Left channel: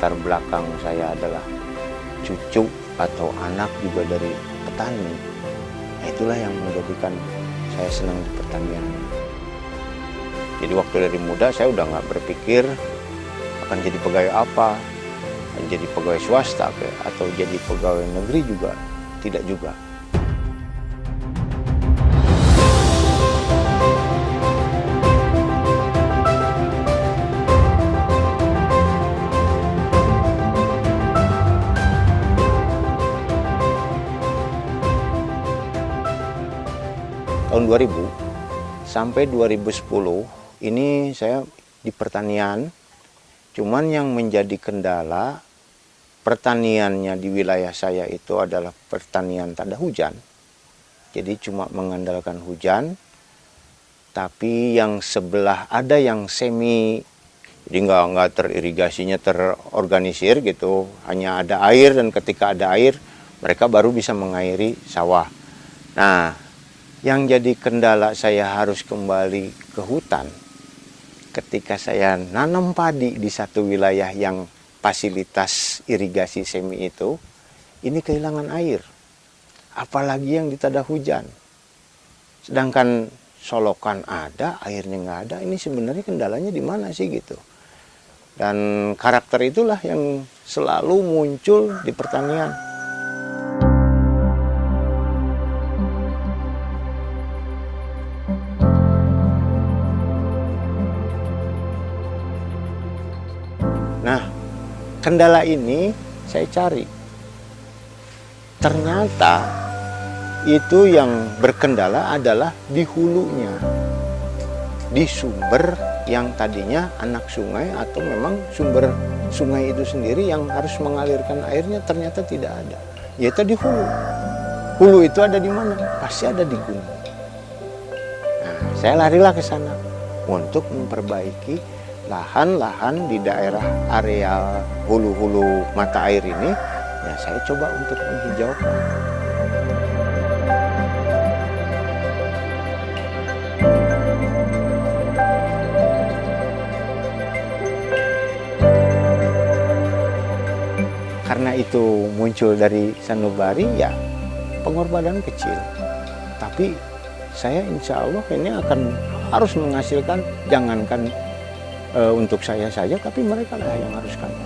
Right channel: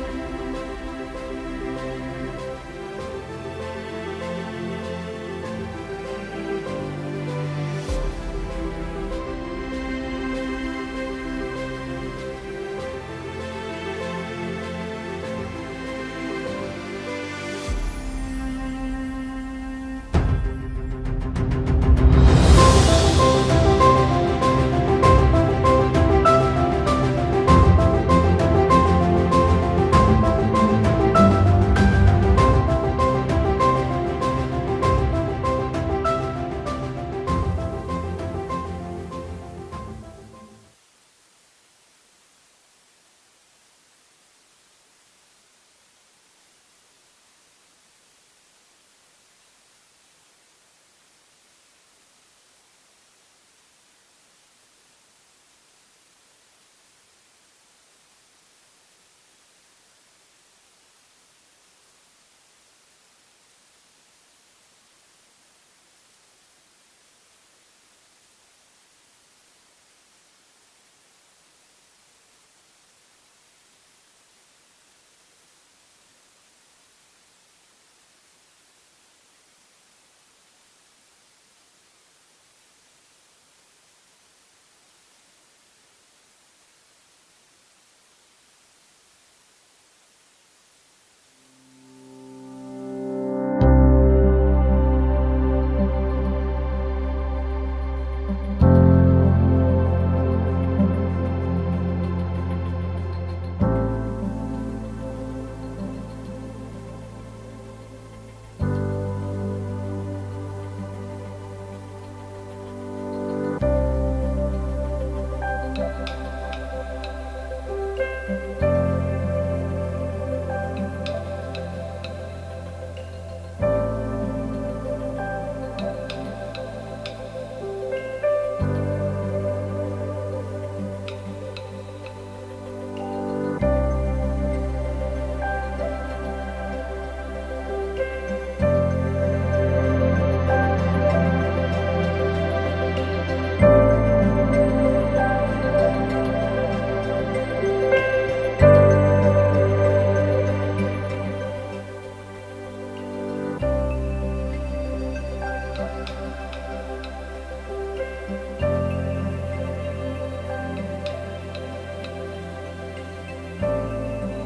latar belakang saya adalah cucu atau anak juga dari petani. Itulah yang menjadikan saya senang di pertanian. Jadi waktu dari muda saya udah nggak berpikir akan jadi pegawai apa, akan jadi pegawai swasta atau jadi pegawai negeri juga, tidak juga. Tahun 2000 sampai 2010 ini saya di pertanian, cuman yang menjadi kendala pertaniannya di wilayah saya itu adalah pertanian tanda hujan. Jadi cuma mengandalkan hujan, tapi yang sebelah ada yang semi, jadi nggak teririgasinya terorganisir gitu, hanya ada air dan ketika ada air mereka baru bisa mengairi sawah. Nah, yang jadi kendala saya harus kembali ke hutan ketika saya nanam padi di satu wilayah yang fasilitas irigasi semi itu, ini kehilangan air. Apalagi yang di tanda hujan. Sedangkan solokan ada, airnya nggak ada, ini sebenarnya kendalanya di mana sih gitu. Dan karakter itulah yang selalu muncul di pertanian. Nah, kendala ini saya cari. Ternyata itu yang berkendala adalah di hulunya. Di sumber yang tadinya anak sungai atau memang sumber sungai itu sendiri yang harus mengalirkan airnya ternyata tidak ada. Yaitu di hulu. Hulu itu ada di mana? Pasti ada di gunung. Nah, saya larilah ke sana untuk memperbaiki lahan-lahan di daerah area hulu-hulu mata air ini, ya saya coba untuk menghijaukan. Karena itu muncul dari sanubari, ya pengorbanan kecil. Tapi saya insya Allah ini akan harus menghasilkan, jangankan untuk saya saja, tapi mereka lah yang harus kami.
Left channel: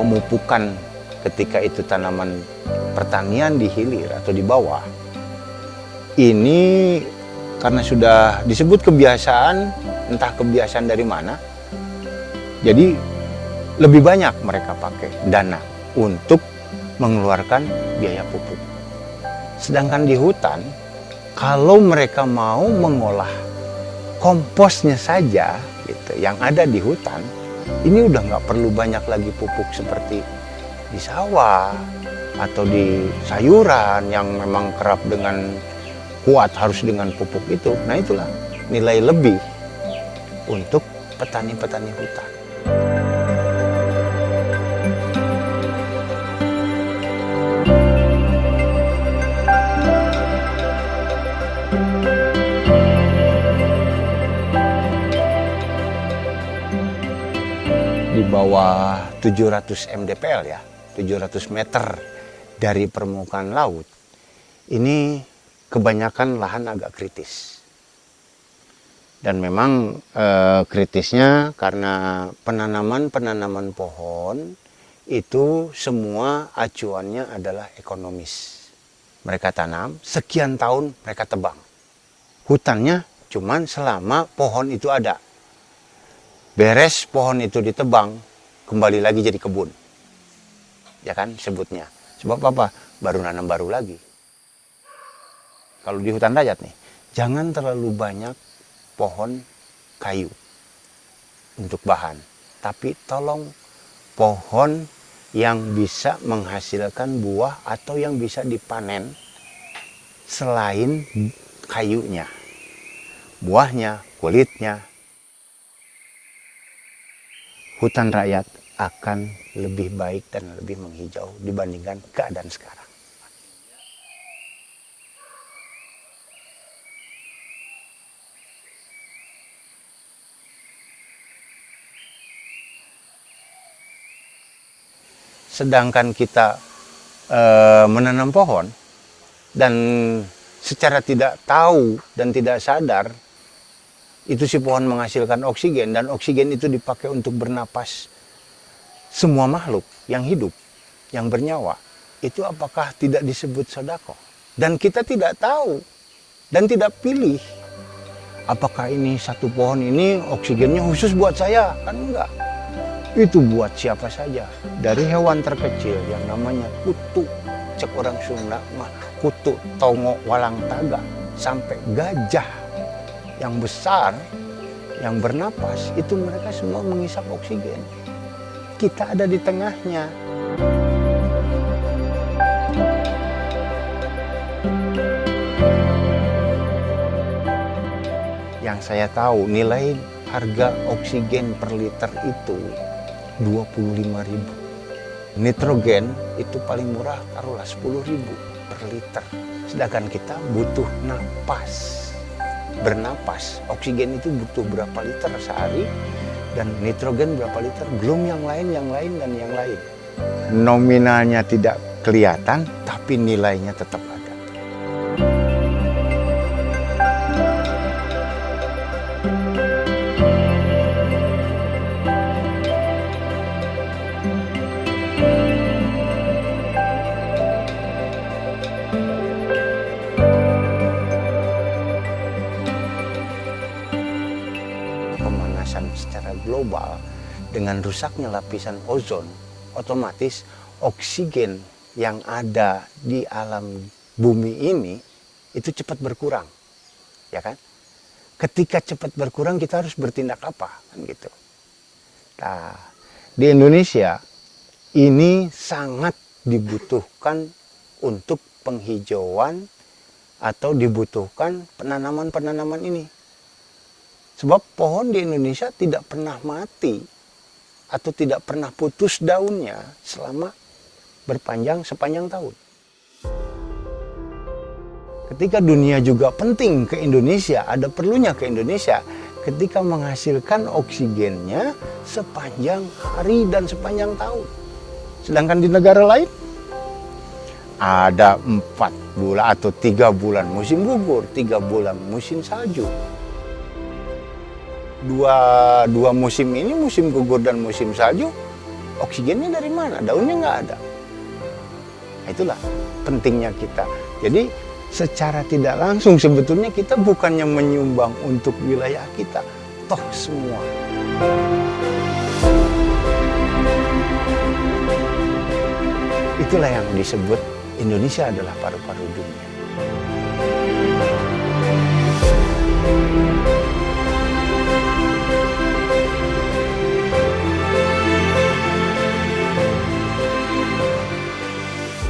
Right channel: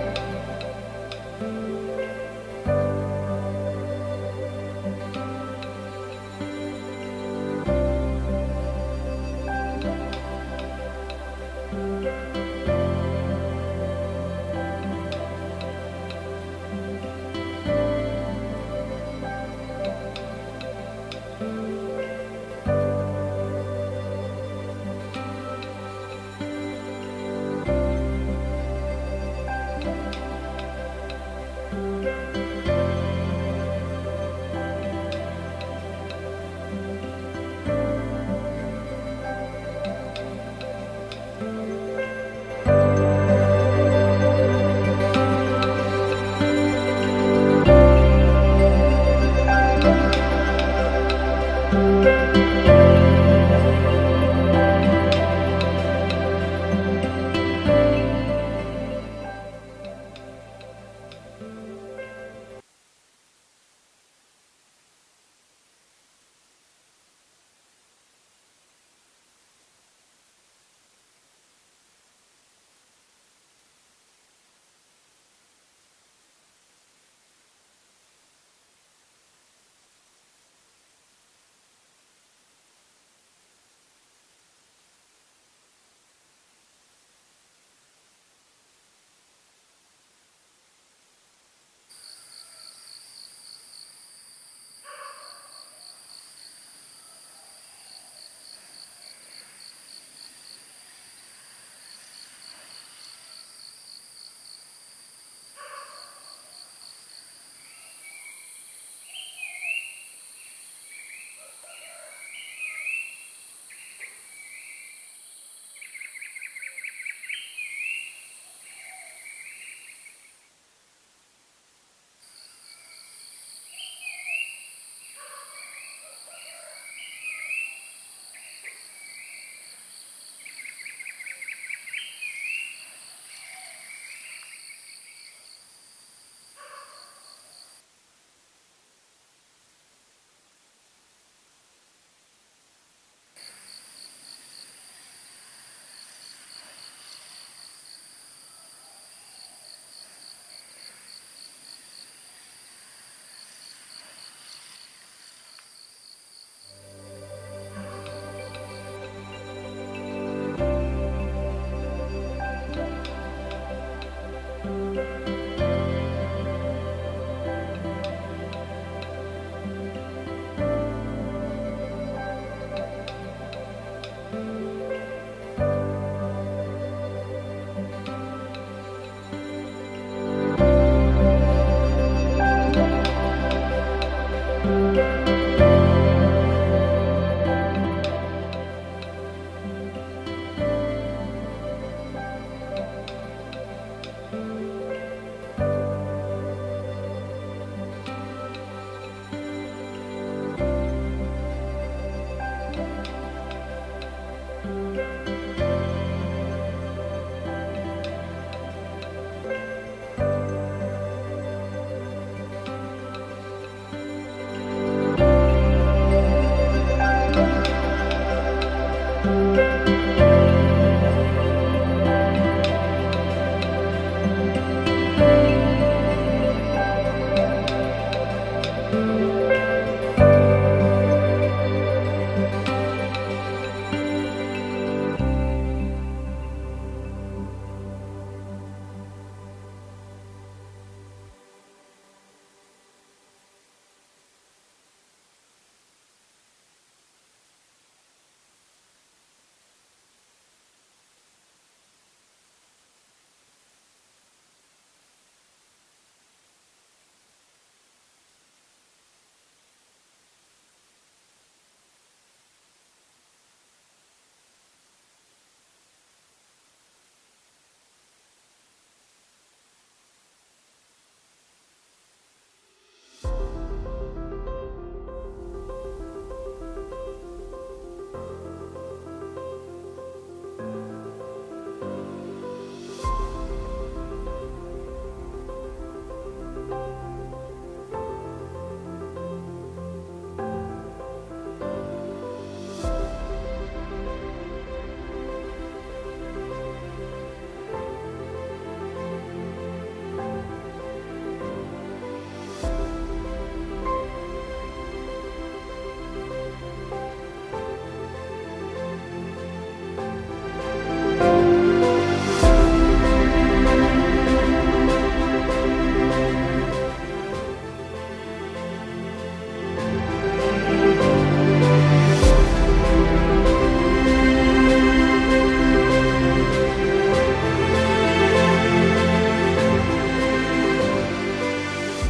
Pemupukan ketika itu tanaman pertanian di hilir atau di bawah, ini karena sudah disebut kebiasaan, entah kebiasaan dari mana, jadi lebih banyak mereka pakai dana untuk mengeluarkan biaya pupuk. Sedangkan di hutan, kalau mereka mau mengolah komposnya saja, gitu, yang ada di hutan, ini udah nggak perlu banyak lagi pupuk seperti di sawah atau di sayuran yang memang kerap dengan kuat harus dengan pupuk itu. Nah itulah nilai lebih untuk petani-petani hutan. Di bawah 700 mdpl ya, 700 meter dari permukaan laut, ini kebanyakan lahan agak kritis. Dan memang kritisnya karena penanaman pohon itu semua acuannya adalah ekonomis. Mereka tanam, sekian tahun mereka tebang. Hutannya cuman selama pohon itu ada. Beres pohon itu ditebang, kembali lagi jadi kebun. Ya kan sebutnya. Sebab apa? Baru nanam baru lagi. Kalau di hutan rakyat nih, jangan terlalu banyak pohon kayu untuk bahan. Tapi tolong pohon yang bisa menghasilkan buah atau yang bisa dipanen selain kayunya. Buahnya, kulitnya. Hutan rakyat akan lebih baik dan lebih menghijau dibandingkan keadaan sekarang. Sedangkan kita menanam pohon dan secara tidak tahu dan tidak sadar itu si pohon menghasilkan oksigen dan oksigen itu dipakai untuk bernapas semua makhluk yang hidup, yang bernyawa. Itu apakah tidak disebut sedekah? Dan kita tidak tahu dan tidak pilih apakah ini satu pohon ini oksigennya khusus buat saya, kan enggak. Itu buat siapa saja. Dari hewan terkecil yang namanya kutu, cek orang Sunda mah kutu tongo walang taga, sampai gajah yang besar yang bernapas, itu mereka semua menghisap oksigen. Kita ada di tengahnya. Yang saya tahu nilai harga oksigen per liter itu 25.000. Nitrogen itu paling murah taruhlah 10.000 per liter. Sedangkan kita butuh napas. Bernapas, oksigen itu butuh berapa liter sehari dan nitrogen berapa liter, belum yang lain dan yang lain. Nominalnya tidak kelihatan tapi nilainya tetap ada. Global dengan rusaknya lapisan ozon, otomatis oksigen yang ada di alam bumi ini itu cepat berkurang, ya kan? Ketika cepat berkurang kita harus bertindak apa, kan gitu. Nah, di Indonesia ini sangat dibutuhkan untuk penghijauan atau dibutuhkan penanaman-penanaman ini. Sebab pohon di Indonesia tidak pernah mati atau tidak pernah putus daunnya selama sepanjang tahun. Ketika dunia juga penting ke Indonesia, ada perlunya ke Indonesia ketika menghasilkan oksigennya sepanjang hari dan sepanjang tahun. Sedangkan di negara lain ada 4 bulan atau 3 bulan musim gugur, 3 bulan musim salju. Dua musim ini, musim gugur dan musim salju, oksigennya dari mana? Daunnya nggak ada. Itulah pentingnya kita. Jadi secara tidak langsung sebetulnya kita bukannya menyumbang untuk wilayah kita, toh semua. Itulah yang disebut Indonesia adalah paru-paru dunia.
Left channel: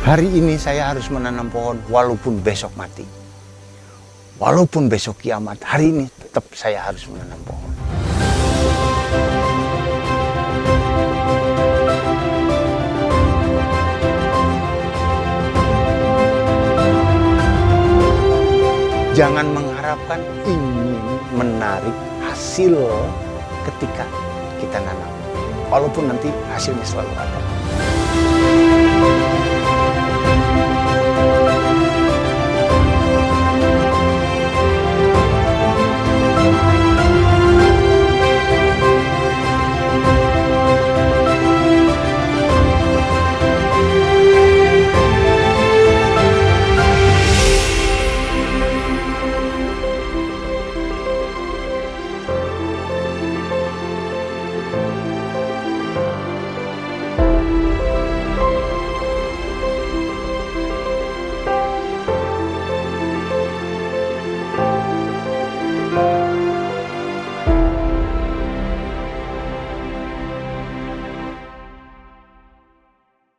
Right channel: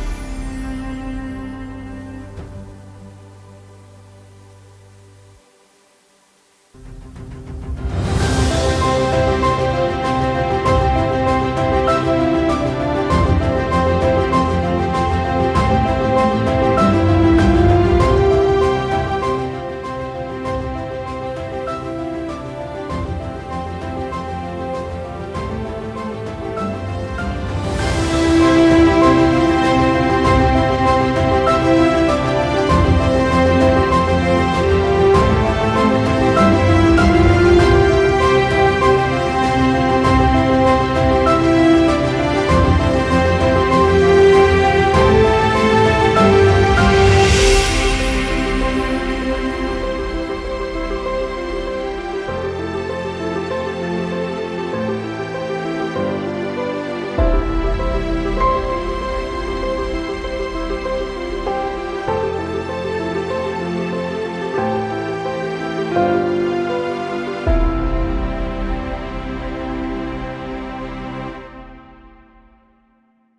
Hari ini saya harus menanam pohon walaupun besok mati. Walaupun besok kiamat, hari ini tetap saya harus menanam pohon.